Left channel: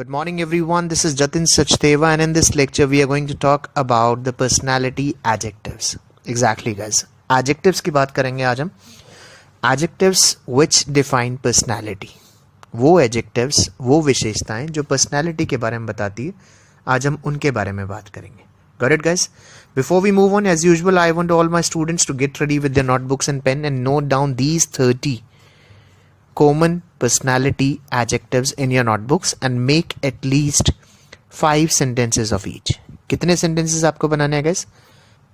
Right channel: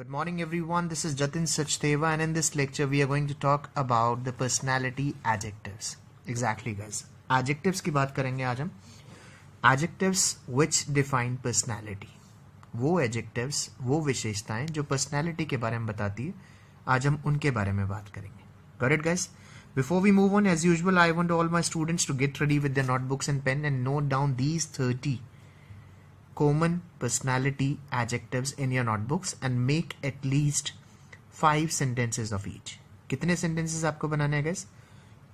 Good morning everyone, this is Jatin Sachdeva and in this lecture we are going to talk about the personality adjectives. Exactly guys, adjectives की बात करेंगे आज हम. Adjectives which define personality. वो adjectives, वो विशेषताएं जो personality के बारे में बताती है, आज हम उनके बारे में बात करेंगे. Got it guys? Before we move on, as usual, I want all my students to get ready with their notebooks and pen and note down these 30 common personality adjectives in your notebooks and make at least 5 sentences of each. कितने sentences आपको बनाने हैं guys?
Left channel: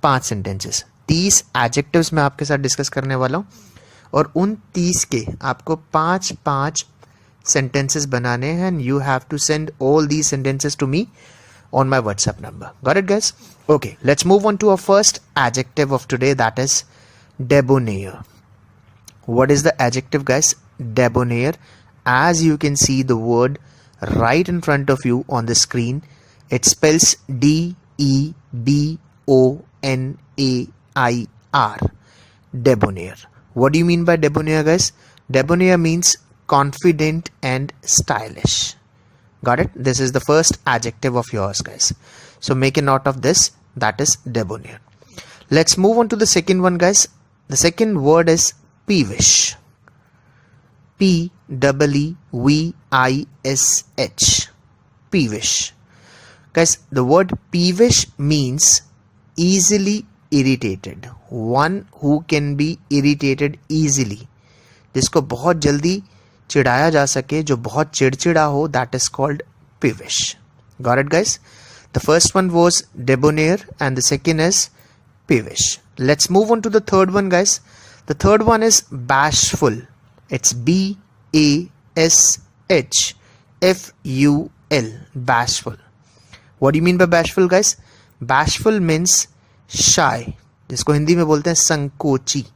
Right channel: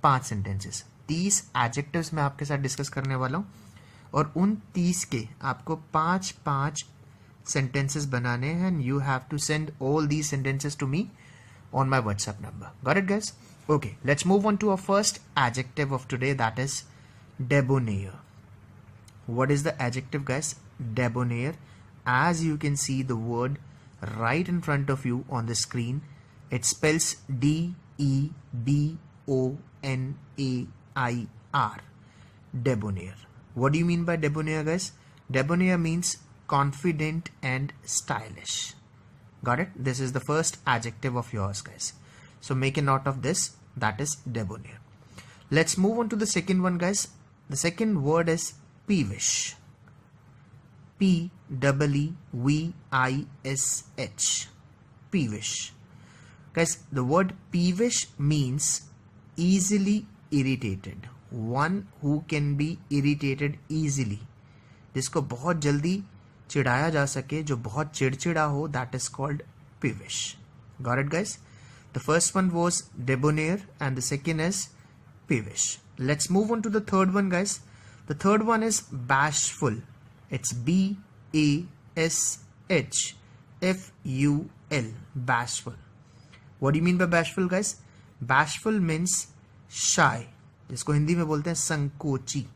5 sentences. 30 adjectives मैं आपके साथ discuss करने वाला हूँ और उन 30 के आपको 5 sentences बनाने हैं and you have to send all these sentences to me on my WhatsApp number. Got it guys? Okay, let's move on to our first adjective of today, that is debonair. What is the adjective guys? Debonair. As you can see the word right in front of you on the screen, it spells D-E-B-O-N-A-I-R. Debonair. What do you mean by debonair guys? Debonair means confident and stylish. Got it? This is the first adjective of yours guys. So make a note of this, that is debonair. Let's move on to the second one guys. The second word is peevish. P-E-E-V-I-S-H. Peevish. Guys, the word peevish means easily irritated. One who can be irritated easily. जिसको बहुत जल्दी चिढ़ाया जा सके, जो बहुत चिड़चिड़ा हो, that is called peevish. Got it guys? The first one was debonair and the second is peevish. Let's move on to the third one guys. The third one is bashful. It's B-A-S-H-F-U-L. Bashful. What do you mean by bashful guys? Bashful means shy, जिसको हिंदी में बोलते हैं संकोची,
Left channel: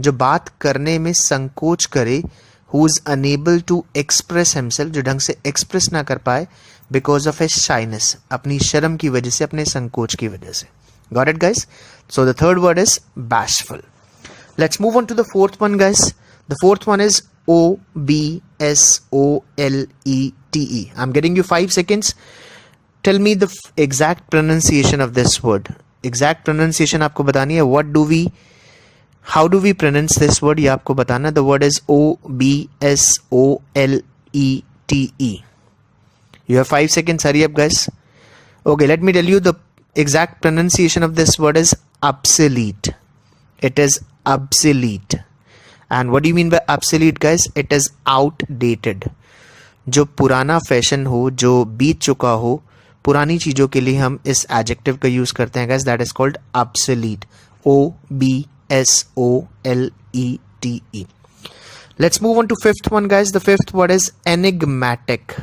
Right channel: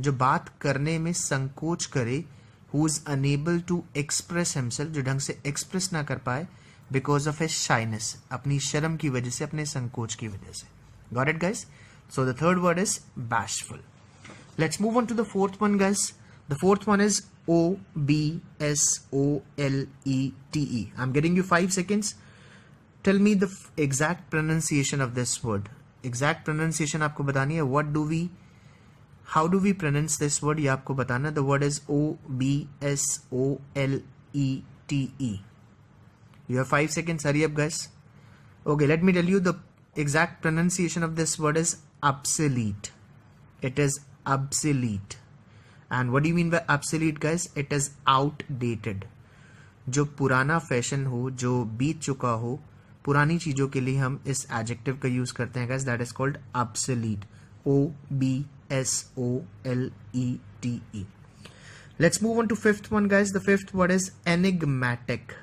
जो बात करने में संकोच करे, who is unable to express himself, जो ढंग से express ना कर पाए because of his shyness, अपनी शर्म की वजह से, अपने संकोच की वजह से. Got it guys? So the third word is bashful. Let's move on to the fourth one guys. The fourth one is O-B-S-O-L-E-T-E. I'm getting you 5 seconds. Tell me the exact pronunciation of this word. Exact pronunciation आपको बतानी है. How do we pronounce this word? ये आपको बताना. The word is O-B-S-O-L-E-T-E. You have 5 seconds. Hurry up guys. Okay, let me tell you the exact pronunciation of this word is obsolete. It is obsolete. And what do you mean by obsolete guys? It is outdated. जो पुराना fashion हो, जो बीत चुका हो, पुरानी चीजों के लिए हम इस adjective का यूज करते हैं guys. That is called obsolete. O-B-S-O-L-E-T-E. Let's move on to fifth one guys. The fifth word is enigmatic.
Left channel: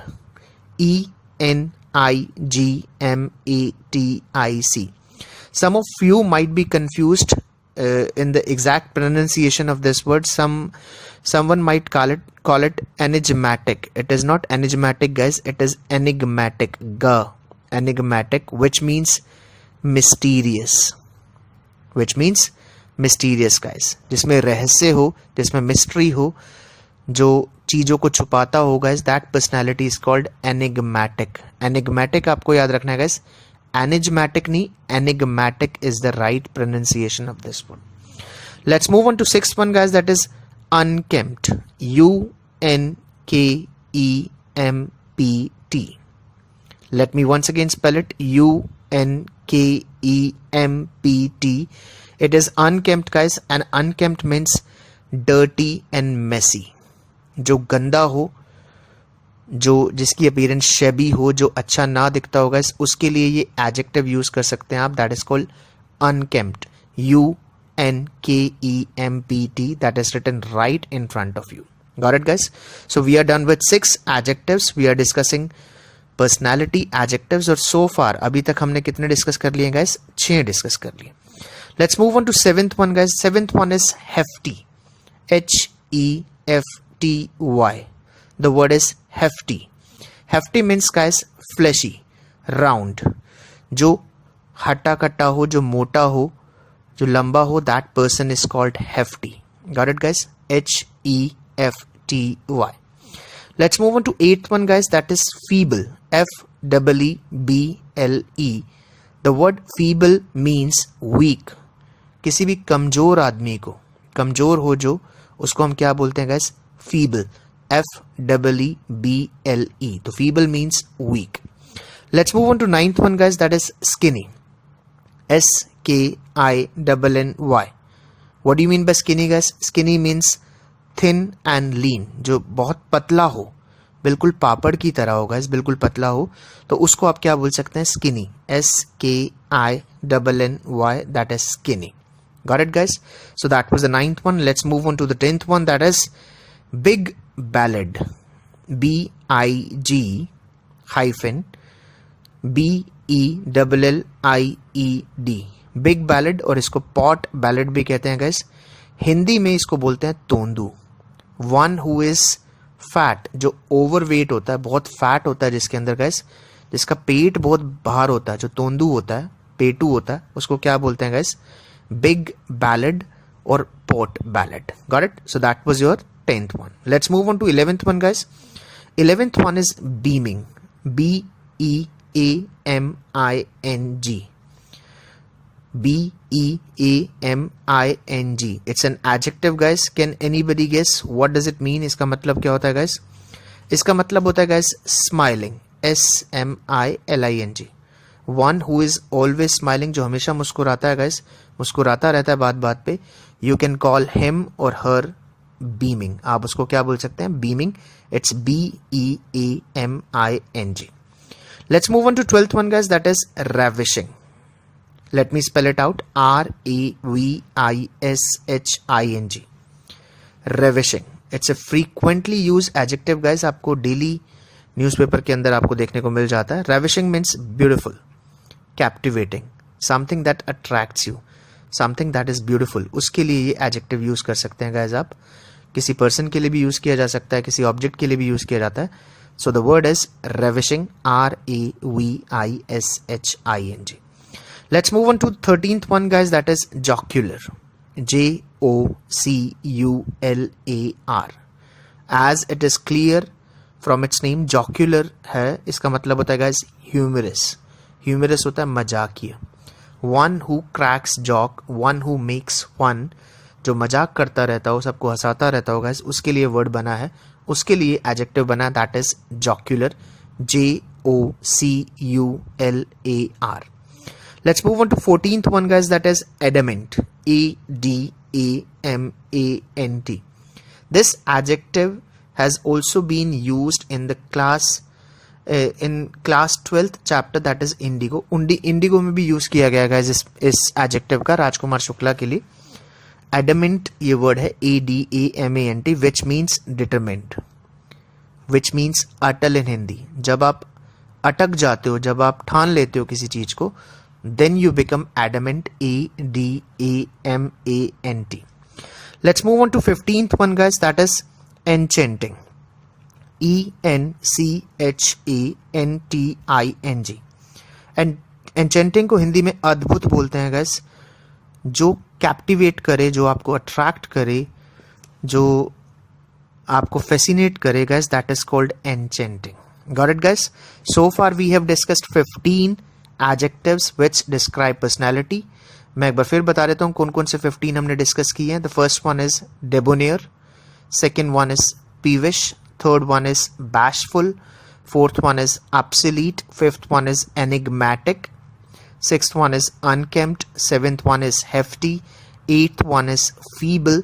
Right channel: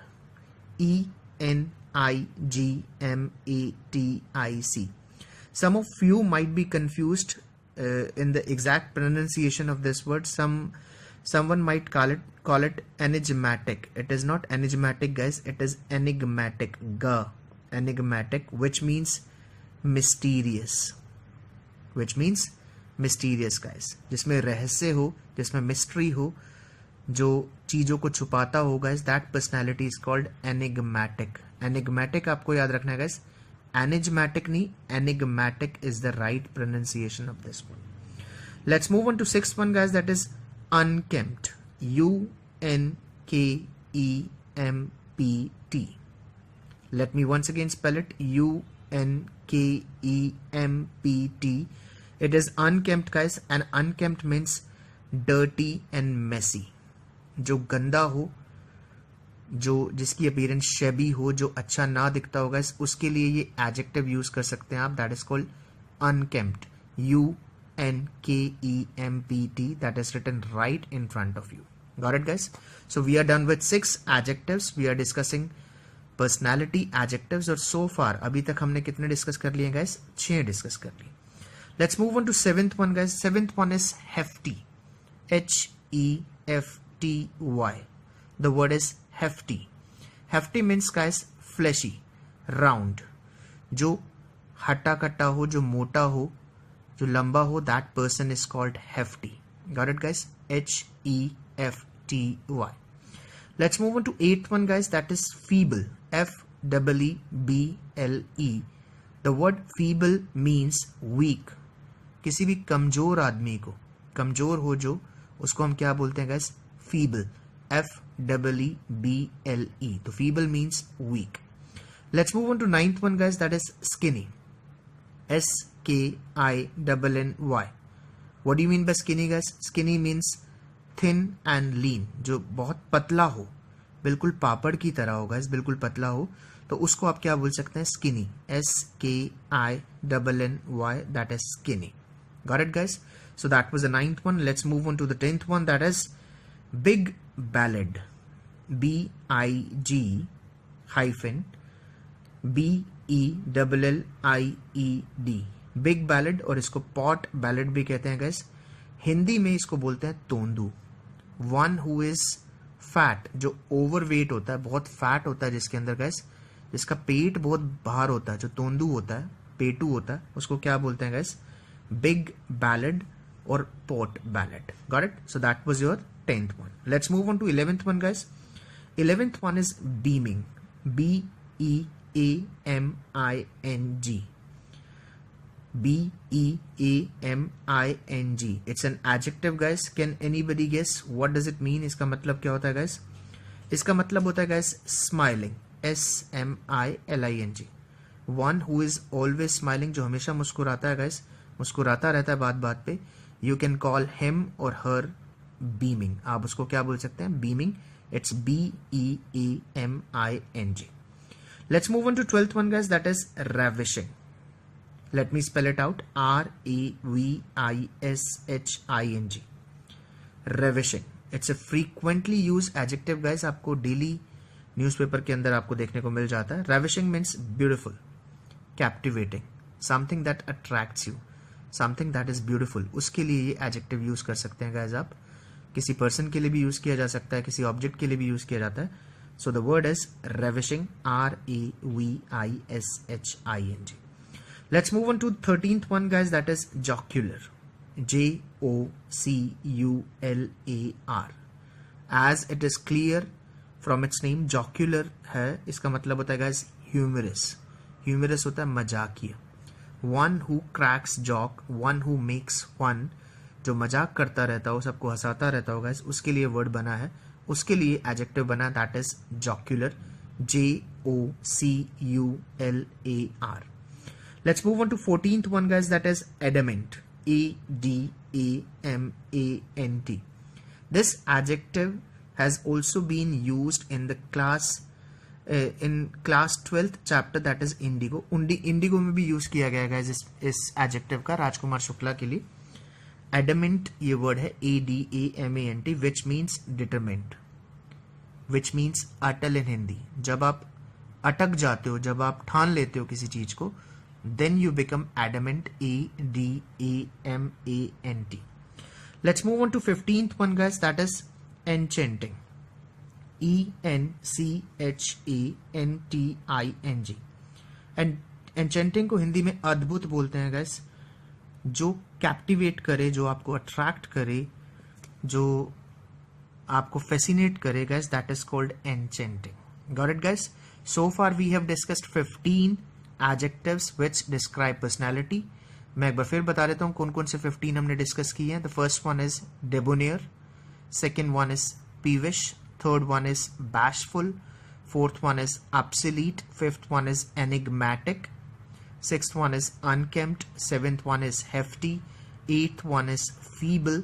E-N-I-G-M-A-T-I-C. Some of you might be confused in the exact pronunciation of this word. Someone might call it enigmatic. It is not enigmatic guys, it is enigmatic. Enigmatic, which means mysterious. Which means mysterious guys, जिसमें रहस्य हो, जिसमें mystery हो, जो चीजों को छुपाता हो guys, that personality is called enigmatic. Enigmatic आपको याद रखना है guys. Enigmatic नहीं, enigmatic is the right pronunciation of this one. Let's move on to sixth one guys, that is unkempt. U-N-K-E-M-P-T. Let me once again spell it. U-N-K-E-M-P-T. It is unkempt guys, and unkempt means dirty and messy. जो गंदा हो, जो जिसकी appearance शेबी हो, जो अच्छा ना दिखता होगा, उसके लिए ये एडजेक्टिव यूज कर सकते हैं आप. That is called unkempt. U-N-K-E-M-P-T. That is written right in front of you. Got it guys? So we are done with 6 adjectives. We are discussing personality adjectives. और सो फार अभी तक हमने कितने डिस्कस कर लिए गाइस? 6 डिस्कस कर लिए. Let's move on to seventh one guys. Seventh one is hefty. H-E-F-T-Y. The word is hefty. Hefty means guys fleshy, round. जो हट्टा कट्टा हो, जो मोटा हो, जो लंबा हो, that person is called hefty. Got it guys? H-E-F-T-Y. Let's move on to 8th one guys, that is feeble. FEEBLE. The word feeble means weak. किसी भी कमजोर आदमी को, कमजोर हो जो, उसको हम क्या बोलते हैं गाइस? फीबल. FEEBLE. तो feeble means weak. Let's move on to 9th one guys, that is skinny. SKINNY. What do you mean by skinny guys? Skinny means thin and lean. जो बहुत पतला हो, बिल्कुल पापड़ की तरह हो guys, बिल्कुल पतला हो, तो उसको आप क्या बोल सकते हैं? skinny. SKINNY. That is skinny. Got it guys? So that was the 9th one. Let's move on to the 10th one, that is BIG-BELLIED. BIG-BELLIED. Big ballad, और इसको पॉट बैलेड भी कहते हैं गाइस. हिंदी में इसको बोलते हैं तोंदू. वन हु इज फैट, जो ओवरवेट होता है, बहुत फैट होता है जिसके अंदर गाइस, जिसका पेट बहुत बाहर होता है, जो तोंदू होता है, पेटू होता है, उसको क्या बोलते हैं गाइस? बिग बैलेड और pot ballad. Got it? So that was your 10th one. Let's move on to 11th one guys. 11th one is beaming. BEAMING. BEAMING. It's an adjective guys. Can anybody guess what does it mean? इसका मतलब क्या होता है guys? इसका मतलब होता है guys smiling. SMILING. One who is always smiling, जो हमेशा मुस्कुराता है guys, मुस्कुराता रहता है बात बात पे. You can call him or her beaming. आप उसको क्या बोल सकते हैं? beaming. It's BEAMING. Let's move on to 12th one guys, that is ravishing. Let me spell it out. RAVISHING. Ravishing. It's a frequently used adjective guys. आपको daily newspaper के अंदर आपको देखने को मिल जाता है. Ravishing means beautiful, captivating, something that attracts you, something that is beautiful. उसके लिए ये adjective यूज कर सकते हैं guys. आप किसी पर्सन के लिए भी यूज किया जा सकता है, किसी ऑब्जेक्ट के लिए भी यूज किया जाता है. So the word is ravishing. RAVISHING. Let's move on to 13th one guys, that is jocular. JOCULAR. As it is clear from its name, jocular है, इसका मतलब होता है guys humorous. Humorous होता है मजाकिया. One who cracks joke, one who makes fun, जो मजाक करता रहता हो, सबको हंसाता रहता हो guys, उसके लिए वर्ड बना है, उसके लिए एडजेक्टिव बना है, that is jocular. JOCULAR. Let's move on to 14th one guys, that is adamant. ADAMANT. This adjective has also been used in the class 12th chapter, that is indigo. Indigo में भी use किया गया guys इस adjective का, राजकुमार शुक्ला के लिए. adamant ये word है ADAMANT, which means determined, which means Atal in Hindi. जब आप अटक जाते हो, जब आप ठान लेते हो किसी चीज को, then you become adamant. ADAMANT. Let's move on to 15th one guys, that is enchanting. ENCHANTING. and enchanting को हिंदी में अद्भुत बोलते हैं guys. जो कैप्टिवेट करे, जो आपको अट्रैक्ट करे, जो आपको फैसिनेट करे guys, that is called enchanting. Got it guys? So far we have discussed 15 adjectives which describe personality. मैं एक बार फिर बता देता हूँ कौन कौन से 15 हमने डिस्कस किए हैं. The first one is debonair, second one is peevish, third one is bashful, fourth one is obsolete, fifth one is enigmatic, sixth one is unkempt, seventh one is hefty, eighth one is feeble,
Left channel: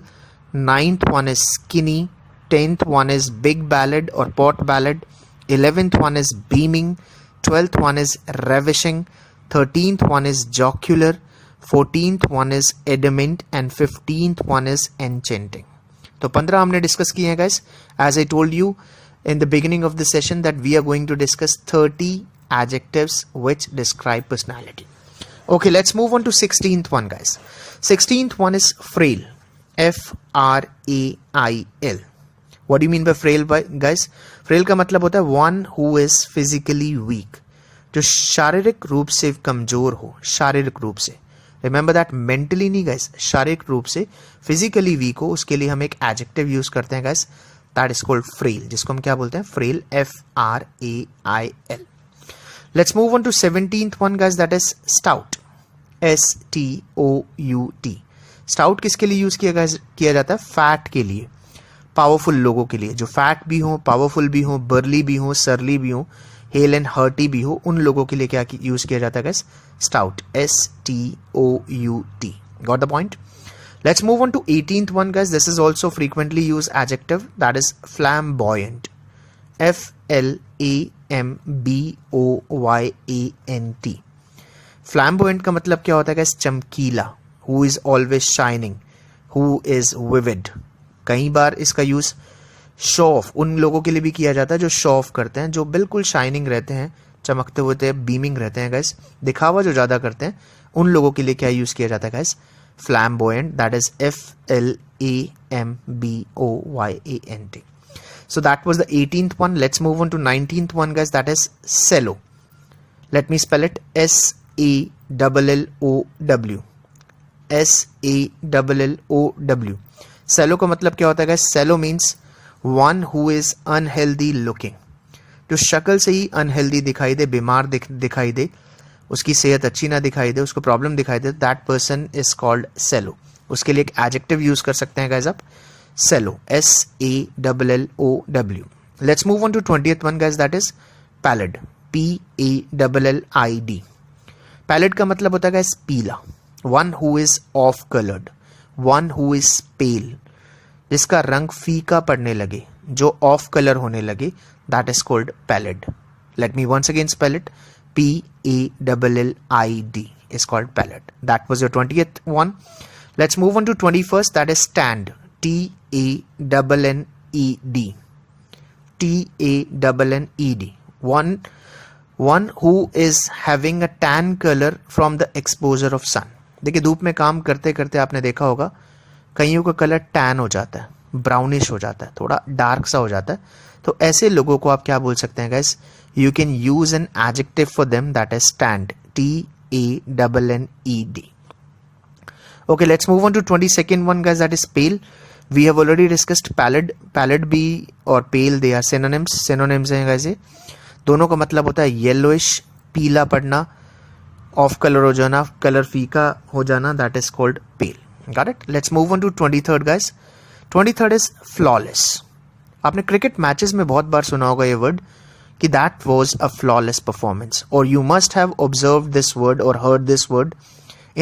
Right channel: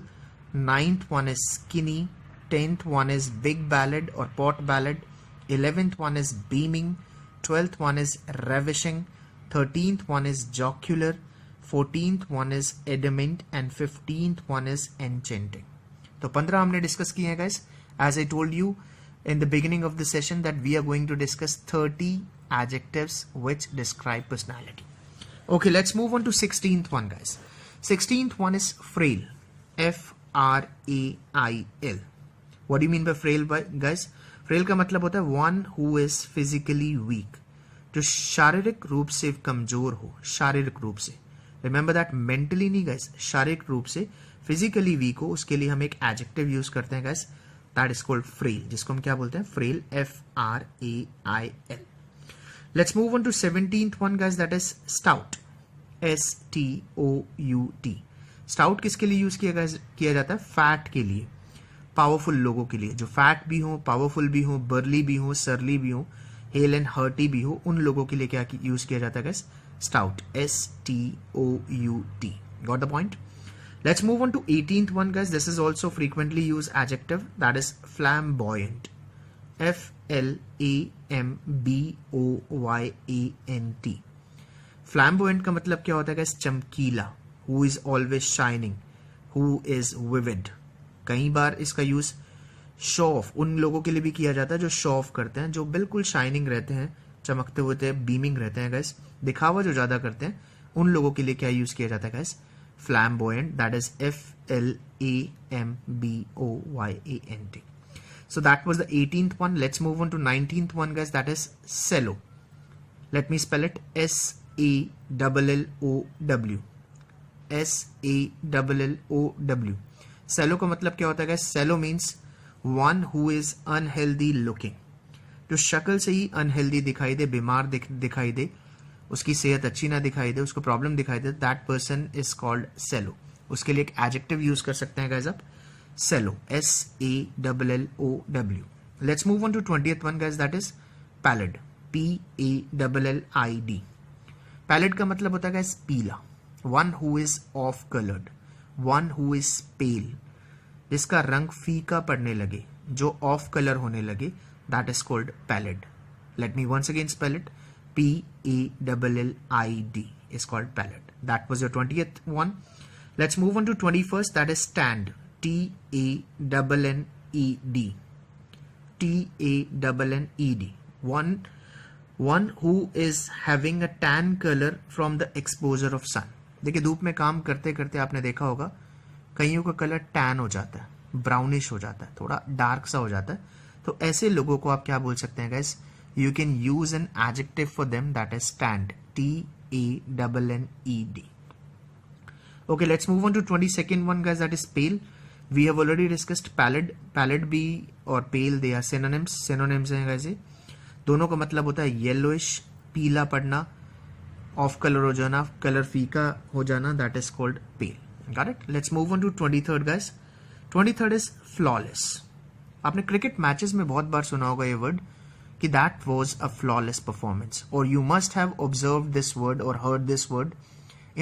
ninth one is skinny, 10th one is big-bellied or pot-bellied, 11th one is beaming, 12th one is ravishing, 13th one is jocular, 14th one is adamant, and 15th one is enchanting. तो 15 हमने discuss किए हैं guys. As I told you in the beginning of the session that we are going to discuss 30 adjectives which describe personality. Okay, let's move on to 16th one guys. 16th one is frail. FRAIL. What do you mean by frail guys? frail का मतलब होता है one who is physically weak, जो शारीरिक रूप से कमजोर हो, शारीरिक रूप से. रिमेंबर दैट, मेंटली नहीं गाइस, शारीरिक रूप से फिजिकली वीक हो, उसके लिए हम एक एडजेक्टिव यूज करते हैं guys, that is called frail, जिसको हम क्या बोलते हैं? Frail. FRAIL. Let's move on to 17th one guys, that is stout. STOUT. Stout किसके लिए यूज किया जाता है? फैट के लिए, पावरफुल लोगों के लिए, जो फैट भी हो, पावरफुल भी हो, बर्ली भी हो, सरली भी हो, हेल एंड हर्टी भी हो, उन लोगों के लिए क्या यूज किया जाता है guys? Stout. STOUT. Got the point? Let's move on to 18th one guys. This is also frequently used adjective, that is flamboyant. FLAMBOYANT. Flamboyant का मतलब क्या होता है guys? चमकीला. Who is always shining. Who is vivid. कई बार इसका use show off उन लोगों के लिए भी किया जाता है जो शो ऑफ करते हैं, जो बिल्कुल शाइनिंग रहते हैं, चमकते हुए बीमिंग रहते हैं गाइस, दिखावा जो ज्यादा करते हैं, उन लोगों के लिए क्या यूज किया जाता है guys? Flamboyant, that is FLAMBOYANT. So that was the 18th one. Let's move on to 19th one guys, that is SALLOW. Let me spell it. SALLOW. SALLOW. Sallow का मतलब क्या होता है guys? Sallow means one who is unhealthy looking. जो शक्ल से ही unhealthy दिखाई दे, बीमार दिखाई दे, उसकी सेहत अच्छी ना दिखाई दे, उसको प्रॉब्लम दिखाई दे, that person is called shallow. उसके लिए एक एडजेक्टिव यूज कर सकते हैं गाइस आप, sallow. SALLOW. Let's move on to 20th one guys, that is pallid. PALLID. Pallid का मतलब होता है गाइस पीला. One who is off coloured, one who is pale, जिसका रंग फीका पड़ने लगे, जो ऑफ कलर होने लगे, that is called pallid. Let me once again spell it. PALLID is called pallid. That was your 20th one. Let's move on to 21st, that is stand. TANNED. TANNED. One who is having a tan color from the exposure of sun. देखिए धूप में काम करते करते आपने देखा होगा कईयों का कलर टैन हो जाता है, ब्राउनिश हो जाता है, थोड़ा डार्क सा हो जाता है. तो ऐसे लोगों को आप क्या बोल सकते हैं guys? You can use an adjective for them, that is stand. TANNED. Okay, let's move on to 22nd one guys, that is pale. We have already discussed pallid. Pallid भी और pale, they are synonyms. Synonyms हैं guys ये. दोनों का मतलब होता है yellowish, पीला पड़ना, off color हो जाना, color फीका हो जाना, that is called pale. Got it? Let's move on to 23rd guys. 23rd is flawless. आपने क्रिकेट मैचेस में बहुत बार सुना होगा ये वर्ड कि that was a flawless performance, or you must have observed this word or heard this word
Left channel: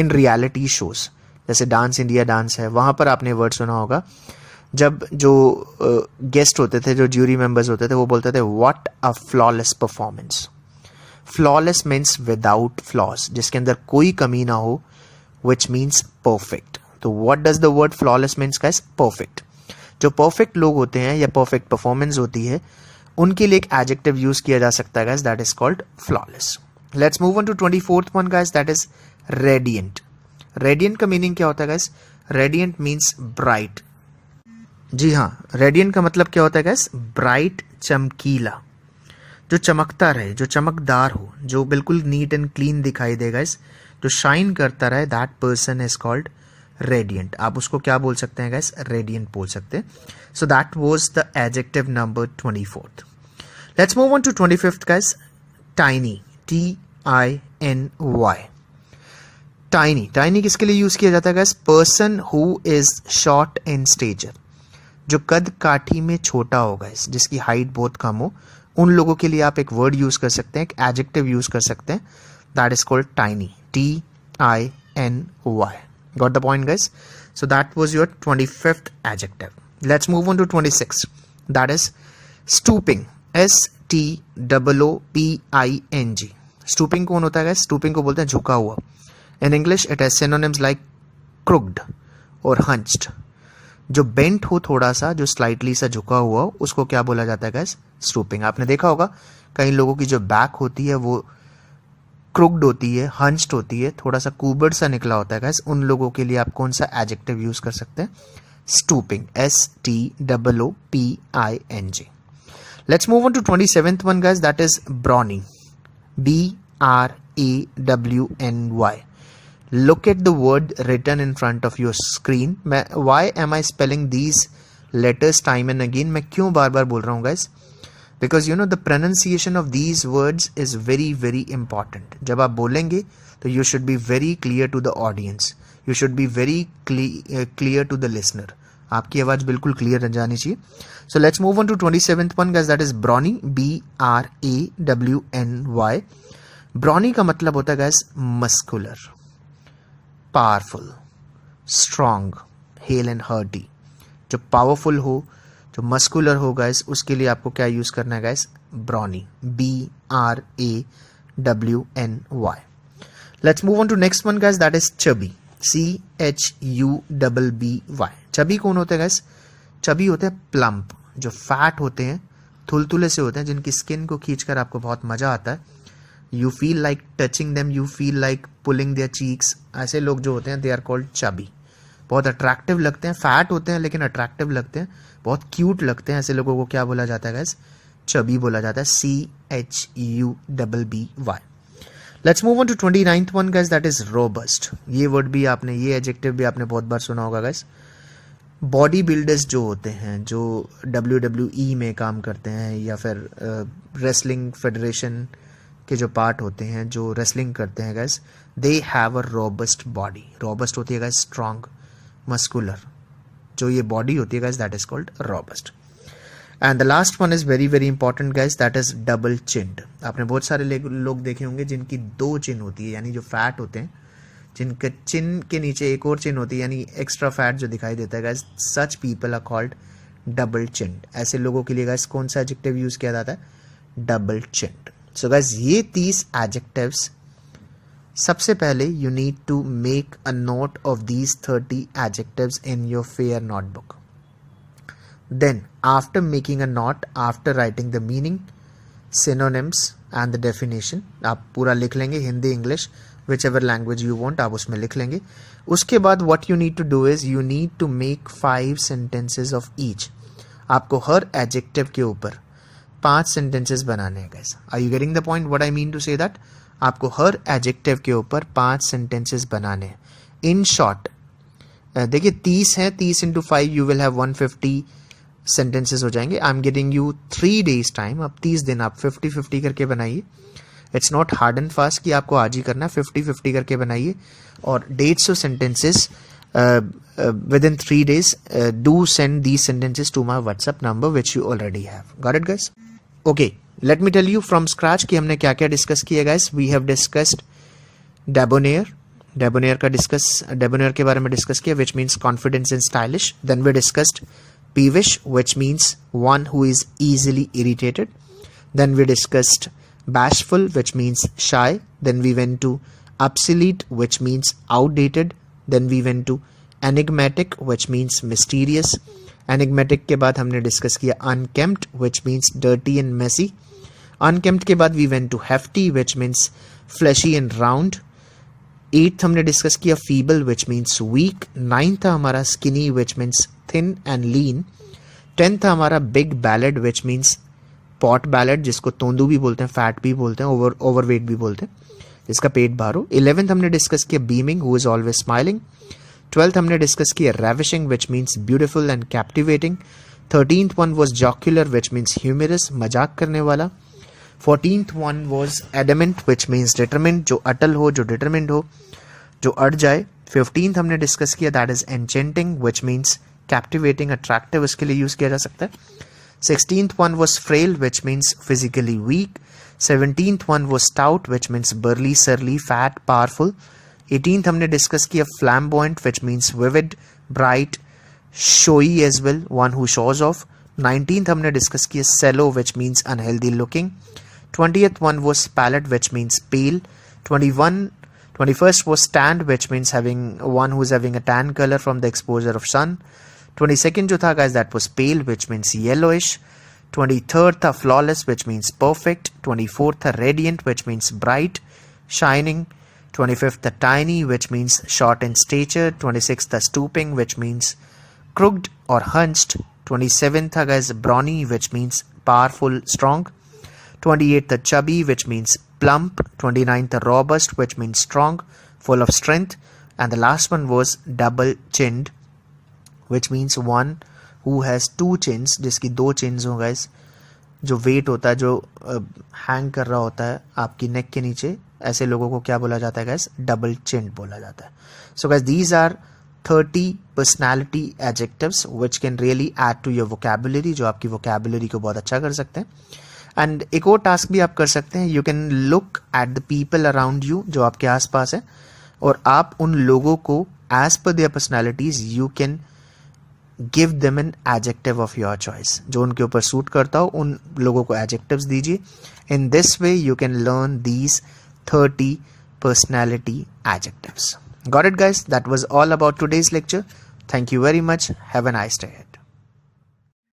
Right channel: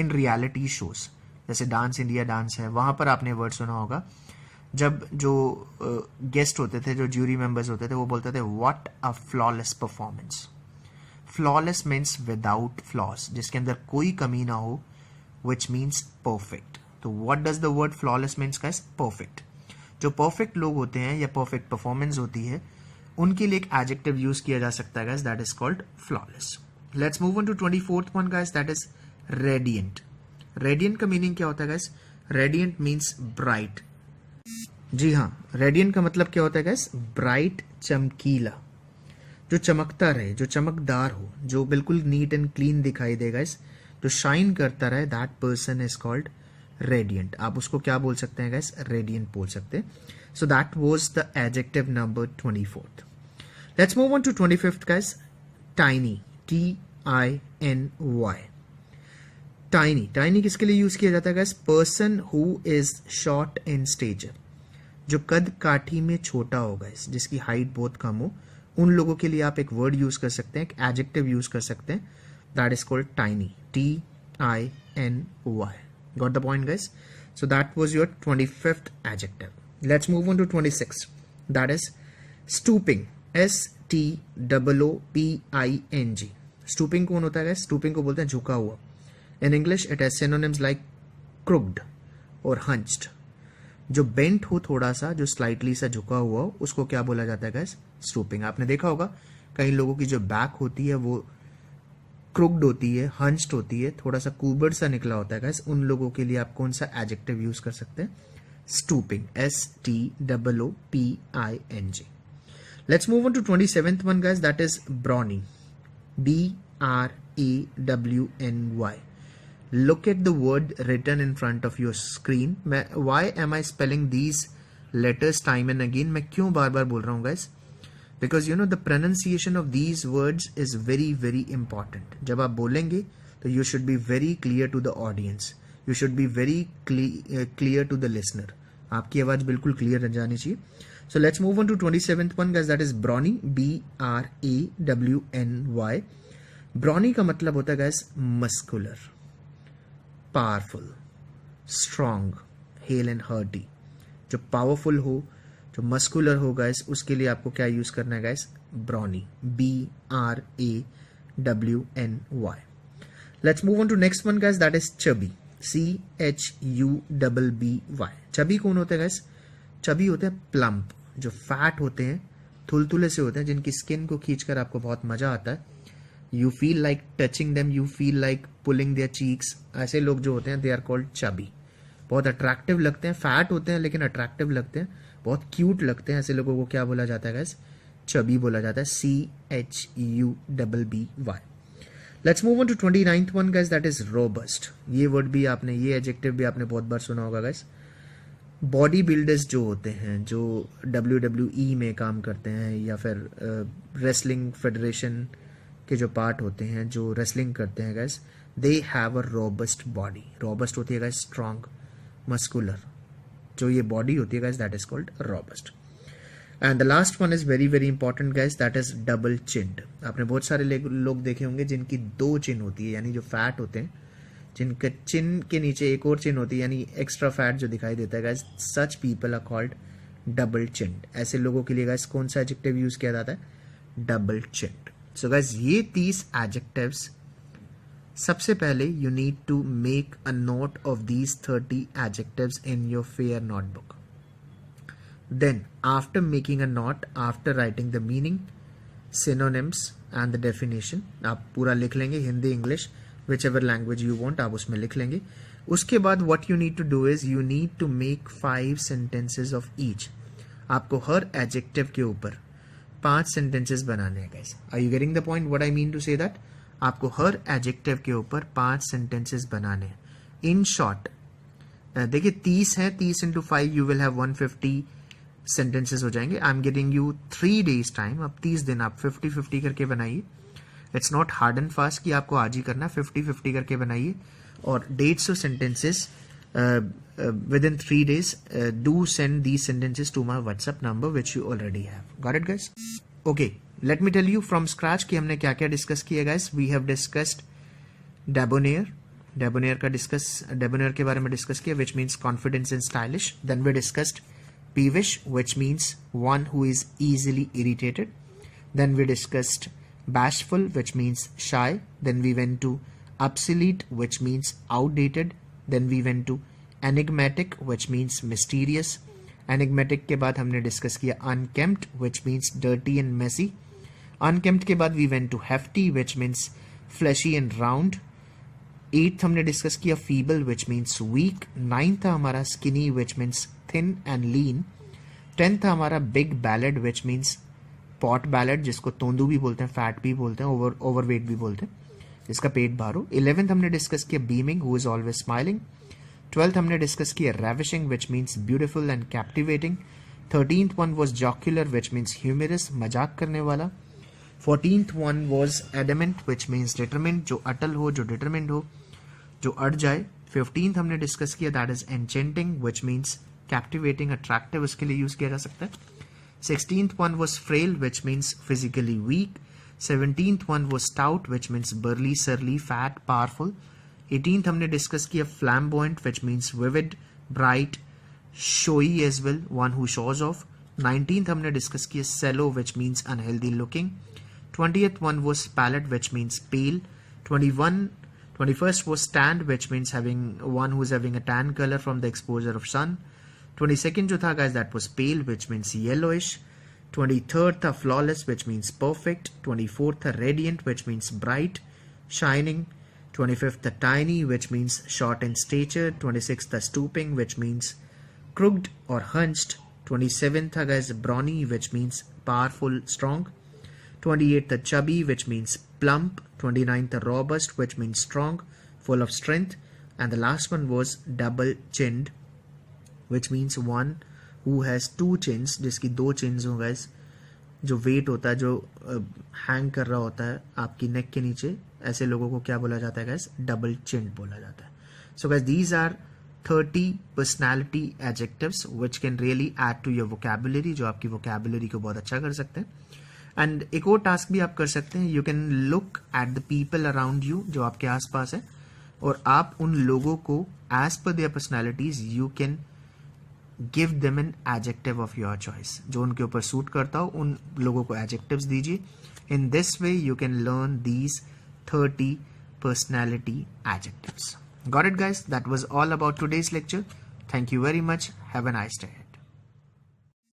in reality shows. जैसे dance India dance है, वहाँ पर आपने वर्ड सुना होगा जब जो गेस्ट होते थे, जो ज्यूरी मेंबर्स होते थे, वो बोलते थे what a flawless performance. Flawless means without flaws, जिसके अंदर कोई कमी ना हो, विच मीन्स परफेक्ट. तो what does the word flawless means guys? Perfect. जो परफेक्ट लोग होते हैं या परफेक्ट परफॉर्मेंस होती है, उनके लिए एक एडजेक्टिव यूज किया जा सकता है guys, that is called flawless. Let's move on to 24th one guys, that is radiant. Radiant का मीनिंग क्या होता है गाइस? Radiant means bright. जी हाँ, रेडिएंट का मतलब क्या होता है गाइस? ब्राइट, चमकीला, जो चमकता रहे, जो चमकदार हो, जो बिल्कुल नीट एंड क्लीन दिखाई दे गाइस, जो शाइन करता रहे, that person is called radiant. आप उसको क्या बोल सकते हैं गाइस? रेडिएंट बोल सकते हैं. So that was the adjective number 24th. Let's move on to 25th guys. Tiny. TINY. Tiny. Tiny किसके लिए यूज किया जाता है guys? Person who is short in stature. जो कद काठी में छोटा हो guys, जिसकी हाइट बहुत कम हो, उन लोगों के लिए आप एक वर्ड यूज कर सकते हैं, एक एडजेक्टिव यूज कर सकते हैं, that is called tiny. TINY. Got the point guys? So that was your 25th adjective. Let's move on to 26th. That is stooping. STOOPING. Stooping कौन होता है? Stooping को बोलते हैं झुका हुआ. In English it has synonyms like crooked और hunched. जो bent हो थोड़ा सा, जो slightly सा झुका हुआ, उसको क्या बोला जाता है guys? Stooping. आपने देखा होगा कई लोगों की जो बैक होती है वो crooked होती है, hunched होती है, थोड़ा सा कुबड़ सा निकला होता है guys. उन लोगों के लिए आप कौन सा एडजेक्टिव यूज कर सकते हैं? Stooping. STOOPING. Let's move on to 27th one guys, that is BRAWNY. BRAWNY. Look at the word written in front of your screen. Why am I spelling these letters time and again? मैं क्यों बार बार बोल रहा हूँ guys? Because you know the pronunciation of these words is very very important. जब आप बोलेंगे तो you should be very clear to the audience, you should be very clear to the listener. आपकी आवाज बिल्कुल क्लियर जानी चाहिए. So let's move on to 27th one guys, that is brawny, BRAWNY. Brawny का मतलब होता है guys muscular, powerful, strong, hale and hearty. जो पावरफुल हो, जो मस्कुलर हो गाइस, उसके लिए आपको क्या यूज करना है guys? Brawny, BRAWNY. Let's move on to next one guys, that is chubby, CHUBBY. Chubby कौन होता है गाइस? चबी होते हैं प्लम्प, जो फैट होते हैं, थुलथुले से होते हैं, जिनकी स्किन को खींचकर आपको बहुत मजा आता है. You feel like touching them, you feel like pulling their cheeks. ऐसे लोग जो होते हैं दे आर कॉल्ड चबी. बहुत अट्रैक्टिव लगते हैं, फैट होते हैं लेकिन अट्रैक्टिव लगते हैं, बहुत क्यूट लगते हैं. ऐसे लोगों को क्या बोला जाता है गाइस? चबी बोला जाता है, CHUBBY. Let's move on to 29th one guys, that is robust. ये वर्ड भी आपने, ये एडजेक्टिव भी आपने बहुत बार सुना होगा गाइस. बॉडी बिल्डर्स जो होते हैं, जो WWE में काम करते हैं या फिर रेसलिंग फेडरेशन के जो पार्ट होते हैं, जो रेसलिंग करते हैं guys, they have a robust body. Robust होती है गाइस स्ट्रॉन्ग, मस्कुलर. जो ये बॉडी होती है guys, that is called robust. And the last one is very very important guys, that is double chinned. आपने बहुत सारे लोग देखे होंगे जिनकी दो चिन होती है, यानी जो फैट होते हैं, जिनके चिन के नीचे एक और चिन होती है, यानी एक्स्ट्रा फैट जो दिखाई देता है guys. Such people are called double chinned. ऐसे लोगों के लिए गाइस कौन सा एडजेक्टिव यूज किया जाता है? डबल चिन्ड. सो गाइस ये 30 एडजेक्टिव्स. सबसे पहले you need to make a note of these 30 adjectives in your fair notebook. Then, after making a note, after writing the meaning, synonyms and the definition, आप पूरा लिख लेंगे, Hindi, English, whichever language you want, आप उसमें लिख लेंगे. उसके बाद what you need to do is you need to make 5 sentences of each. आपको हर adjective के ऊपर 5 sentences बनाने हैं guys. Are you getting the point? What I mean to say that? आपको हर adjective के ऊपर 5 sentences बनाने हैं. In short, देखिए 30 है, 30 into 5 you will have 150 sentences हो जाएंगे. I am giving you 3 days time. अब 30 दिन आप 50-50 करके बनाइए. It's not hard and fast कि आपको आज ही करना है, 50-50 करके बनाइए. और 150 sentences within 3 days. Do send these sentences to my WhatsApp number which you already have. Got it guys? Okay, let me tell you from scratch कि हमने क्या क्या डिस्कस किया guys. We have discussed debonair. Debonair के बारे में discuss किया, which means confidence and stylish. Then we discussed peevish, which means one who is easily irritated. Then we discussed bashful, which means shy. Then we went to obsolete, which means outdated. Then we went to enigmatic, which means mysterious. Enigmatic के बाद हमने discuss किया unkempt, which means dirty and messy. Unkempt के बाद we went to hefty, which means fleshy and round. 8th हमने discuss किया feeble, which means weak. 9th था हमारा skinny, which means thin and lean. 10th था हमारा big ballad, which means pot ballad, जिसको तोंदू भी बोलते हैं, फैट भी बोलते हैं, ओवरवेट भी बोलते हैं, जिसका पेट बाहर हो. 11th हमने डिस्कस किया beaming, who is always smiling. 12th हमने डिस्कस किया ravishing, which means beautiful and captivating. 13th one was jocular, which means humorous, मजाक करने वाला. 14th one was adamant, which means determined, जो अटल हो, जो determined हो, जो अड़ जाए. 15th हमने डिस्कस किया, that is enchanting, which means captivating, attractive, उसके लिए यूज किया जा सकता है. 16th one was frail, which means physically weak. 17th one was stout, which means burly, surly, fat, powerful. 18th हमने डिस्कस किया flamboyant, which means vivid, bright, showy as well, one who shows off. 19th हमने discuss किया sallow, which means unhealthy looking. 20th one was pallid, which means pale. 21st was tanned, which means having one who is having a tan color from the exposure of sun. 22nd जो था guys, that was pale, which means yellowish. 23rd था flawless, which means perfect. 24th था radiant, which means bright, shining. 25th था tiny, which means short in stature. 26th था stooping, which means crooked or hunched. 27th था guys brawny, which means powerful, strong. 28th था chubby, which means plump. 29th था robust, which means strong, full of strength. And the last one was double chinned, which means one who has 2 chins, जिसकी 2 chins हो guys. जो wait होता है, जो hang कर रहा होता है आपकी नेक के नीचे, ऐसे लोगों को क्या बोला जाता है गाइस? डबल चिन्ड बोला जाता है. So guys these are 30 personality adjectives which can really add to your vocabulary, जो आपकी वोकैबुलरी को बहुत अच्छा कर सकते हैं. एंड एक और टास्क भी आप कर सकते हैं, you can look at the people around you, जो आपके आसपास है, और आप उन लोगों को as per their personalities you can give them an adjective of your choice. जो उनके ऊपर सूट करता हो उन लोगों को एडजेक्टिव्स दीजिए. In this way you can learn these 30 personality adjectives. Got it guys? That was all about today's lecture. Thank you very much. Have a nice day.